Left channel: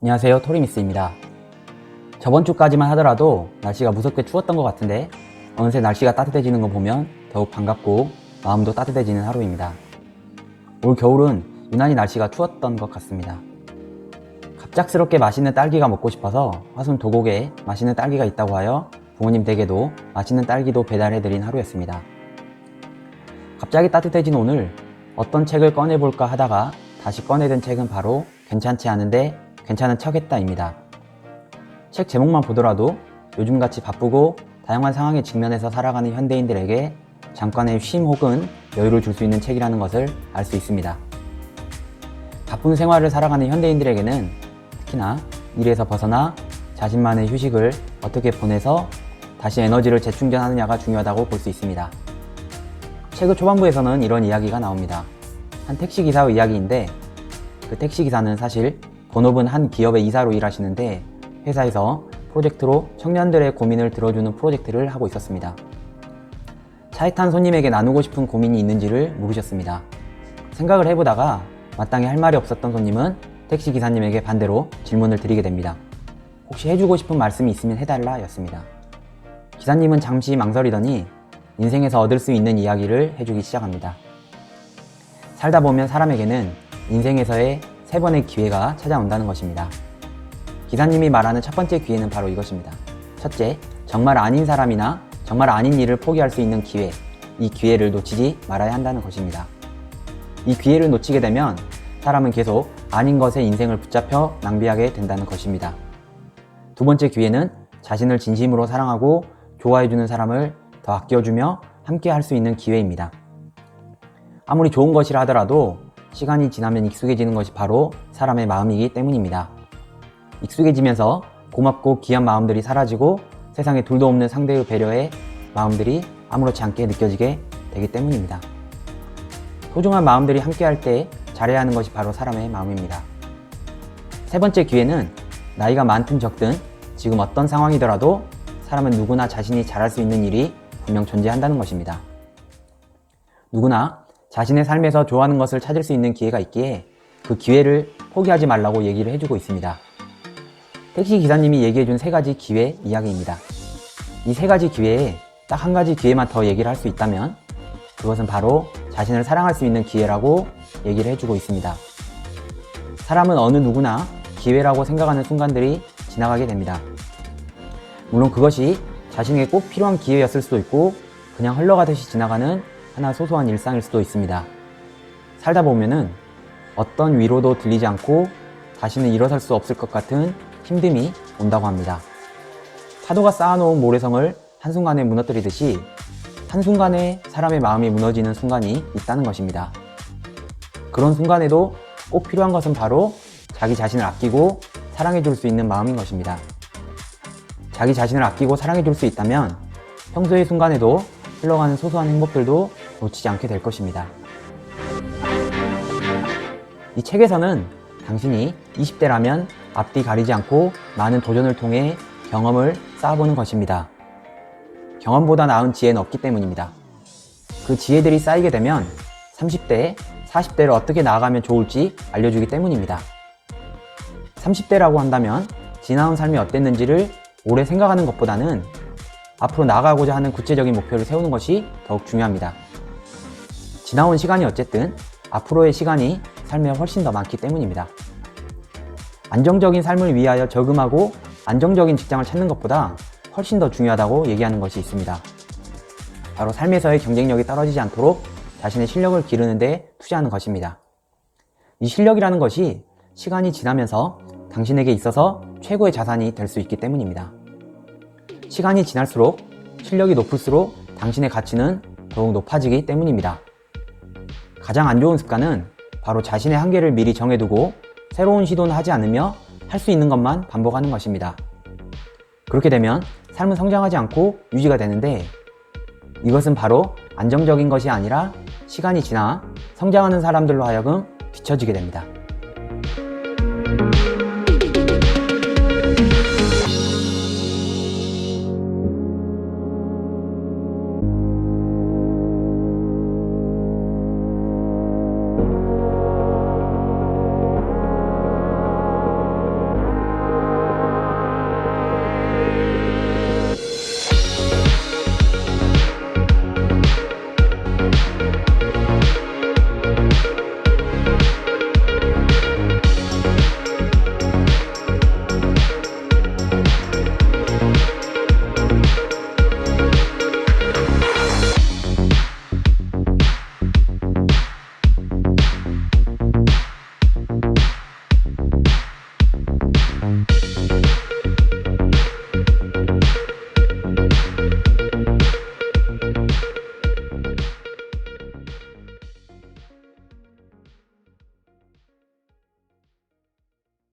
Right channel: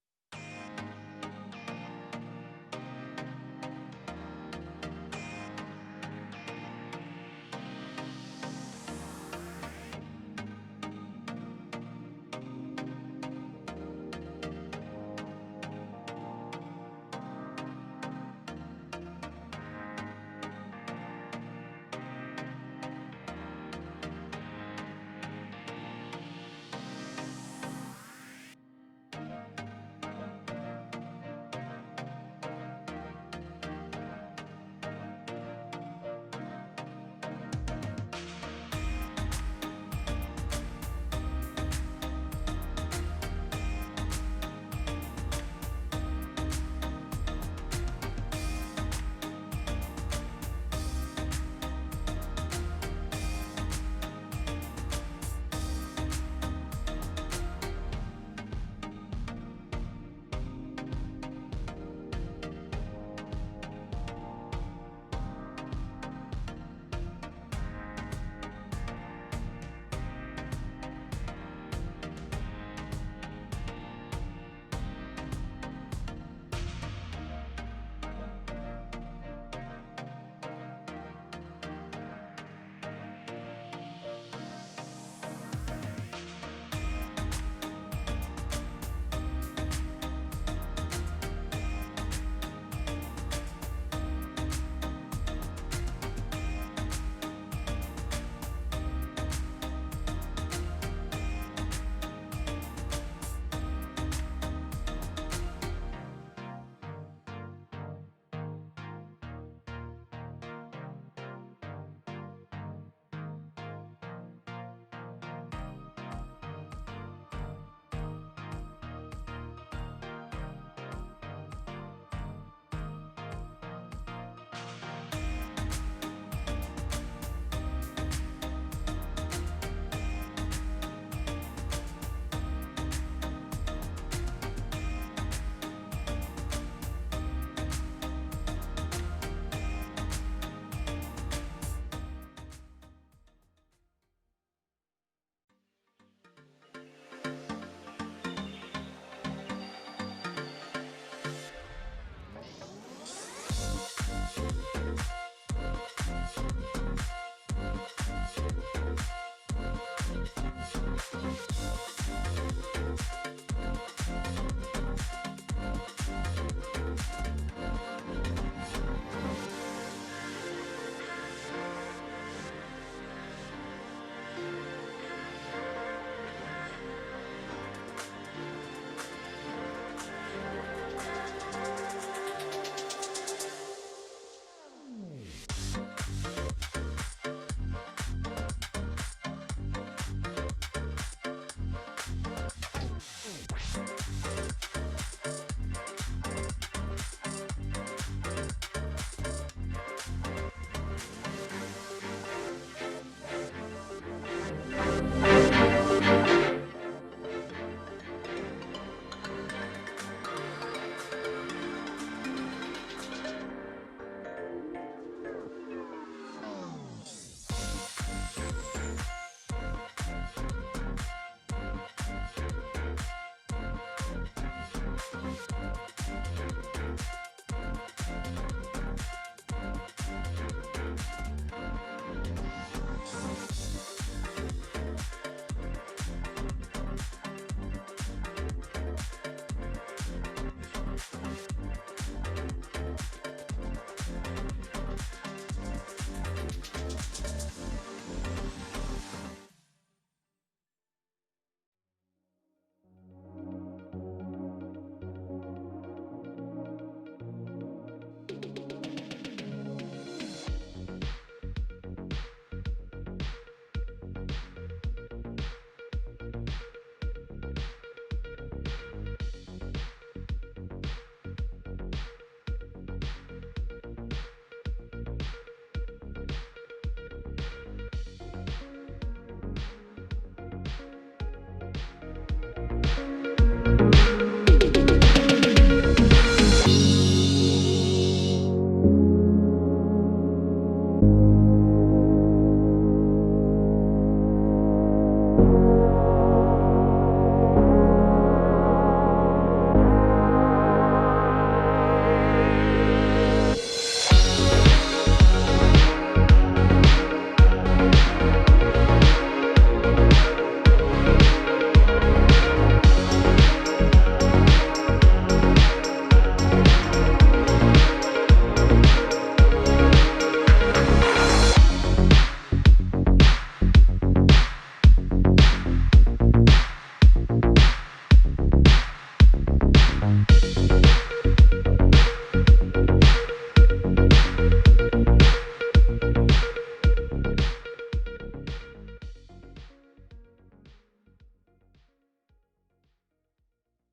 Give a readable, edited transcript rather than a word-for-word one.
안녕하세요, 토리미스입니다. 저번 주까지만 하더라도 날씨가 무섭게 추웠던 것 같은데 어느새 날씨가 따뜻해지는 거 보면 더욱 반갑고 마음도 따뜻해지는 하루입니다. 올 겨울은 유난히 날씨가 추웠던 것 같습니다. 갑작스럽게 맛있는 딸기가 먹고 싶어서 화순 도곡에 맛있는 딸기가 있다고 하여 부모님 댁에도 맛있는 딸기도 배달해드린 하루였습니다. 갑자기 따뜻해진 오늘 어떤 책을 꺼내볼까 하다가 다시 꺼내든 책은 바로 괜찮지 않은데 괜찮은 척했다입니다. 책 제목만 보더라도 요즘같이 바쁘고 다양한 상황에 직면해서 살아가는 현대인들에게 잠깐의 쉼 혹은 여유를 줄 수 있는 책이라는 것을 알 수 있습니다. 바쁜 생활을 살아가는 현대인들에게는 특히나 일에서 벗어나 자신만의 휴식을 어떻게 보내서 다시 에너지를 재충전하느냐가 중요하다고 볼 수 있습니다. 책의 초반부에서는 이런 이야기가 나옵니다. 한 택시기사의 이야기인데 그 택시기사는 사실 본업은 한 기업의 이사로 일하시는데 회사에서 프로젝트로 청년들의 고민을 들어주는 프로젝트를 하고 있었습니다. 차에 탄 손님에게 나누고 싶은 고민이 있는지를 물으셨습니다. 생각을 해보다가 마땅히 할 말이 없었던 손님은 택시기사님에게 반대로 질문을 드리게 됩니다. 혹시 해주고 싶은 말씀이 있으면 해달라 였습니다. 기사님은 잠시 망설이더니 인생에서 얻을 수 있는 이야기를 해주기 시작합니다. 살다 보면 사람에게는 인생에서의 3번의 기회가 찾아온다는 것입니다. 기사님이 말하는 첫 번째 기회는 바로 이것입니다. 첫째, 정말 아닌 사람이나 정말 아닌 일을 포기할 수 있는 기회, 이 기회를 놓치지 말아야 한다는 것입니다. 이 기회를 놓치게 되면 사람은 계속 아닌 것에 인생을 붙잡혀 낭비하게 된다는 것입니다. 두 번째 기회는 자신을 진심으로 사랑하고 좋아해주는 사람을 더 아껴주며 함께 할 수 있는 기회입니다. 아무리 좋은 것이라 하더라도 시간이 지나면 익숙해지는 것이 바로 사람의 마음이기 때문입니다. 익숙해지면서 고맙고 귀한 마음들이 사라지고 세상에 둘도 없는 상대의 배려에 마음들이 아무렇지 않게 느껴지게 되기 때문입니다. 소중한 마음들이 함께할 때 잘해야 하는 것이 바로 사람의 마음입니다. 세 번째 기회는 나이가 많든 적든 지금 어떤 상황이더라도 사람은 누구나 자신이 잘할 수 있는 일이 분명 존재한다는 것입니다. 누구나 자신의 삶에서 좋아하는 것을 찾을 수 있는 기회가 있기에 그 기회를 포기하지 말라고 얘기를 해주고 있습니다. 택시 기사님이 얘기해준 3가지 기회 이야기입니다. 이 3가지 기회에 딱 한 가지 기회만 더 얘기를 할 수 있다면 그것은 바로 자신을 사랑할 수 있는 기회라고 얘기를 해주고 있습니다. 사람은 어느 누구나 기회라고 생각하는 순간들이 지나가게 됩니다. 물론 그것이 자신에게 꼭 필요한 기회였을 수도 있고 그냥 흘러가듯이 지나가는 하나 소소한 일상일 수도 있습니다. 살다 보면은 어떤 위로도 들리지 않고 다시는 일어설 수 없을 것 같은 힘듦이 온다고 합니다. 파도가 쌓아놓은 모래성을 한순간에 무너뜨리듯이 한순간에 사람의 마음이 무너지는 순간이 있다는 것입니다. 그런 순간에도 꼭 필요한 것은 바로 자기 자신을 아끼고 사랑해줄 수 있는 마음인 것입니다. 자기 자신을 아끼고 사랑해줄 수 있다면 평소의 순간에도 흘러가는 소소한 행복들도 놓치지 않게 될 것입니다. 이 책에서는 당신이 20대라면 앞뒤 가리지 않고 많은 도전을 통해 경험을 쌓아보는 것입니다. 경험보다 나은 지혜는 없기 때문입니다. 그 지혜들이 쌓이게 되면 30대, 40대를 어떻게 나아가면 좋을지 알려주기 때문입니다. 30대라고 한다면 지나온 삶이 어땠는지를 오래 생각하는 것보다는 앞으로 나아가고자 하는 구체적인 목표를 세우는 것이 더욱 중요합니다. 지나온 시간이 어쨌든 앞으로의 시간이 삶에 훨씬 더 많기 때문입니다. 안정적인 삶을 위하여 저금하고 안정적인 직장을 찾는 것보다 훨씬 더 중요하다고 얘기하는 것이 있습니다. 바로 삶에서의 경쟁력이 떨어지지 않도록 자신의 실력을 기르는 데 투자하는 것입니다. 이 실력이라는 것이 시간이 지나면서 당신에게 있어서 최고의 자산이 될 수 있기 때문입니다. 시간이 지날수록 실력이 높을수록 당신의 가치는 더욱 높아지기 때문입니다. 가장 안 좋은 습관은 바로 자신의 한계를 미리 정해두고 새로운 시도는 하지 않으며 할 수 있는 것만 반복하는 것입니다. 그렇게 되면 삶은 성장하지 않고 유지가 되는데 이것은 바로 안정적인 것이 아니라 시간이 지나 성장하는 사람들로 하여금 비춰지게 됩니다.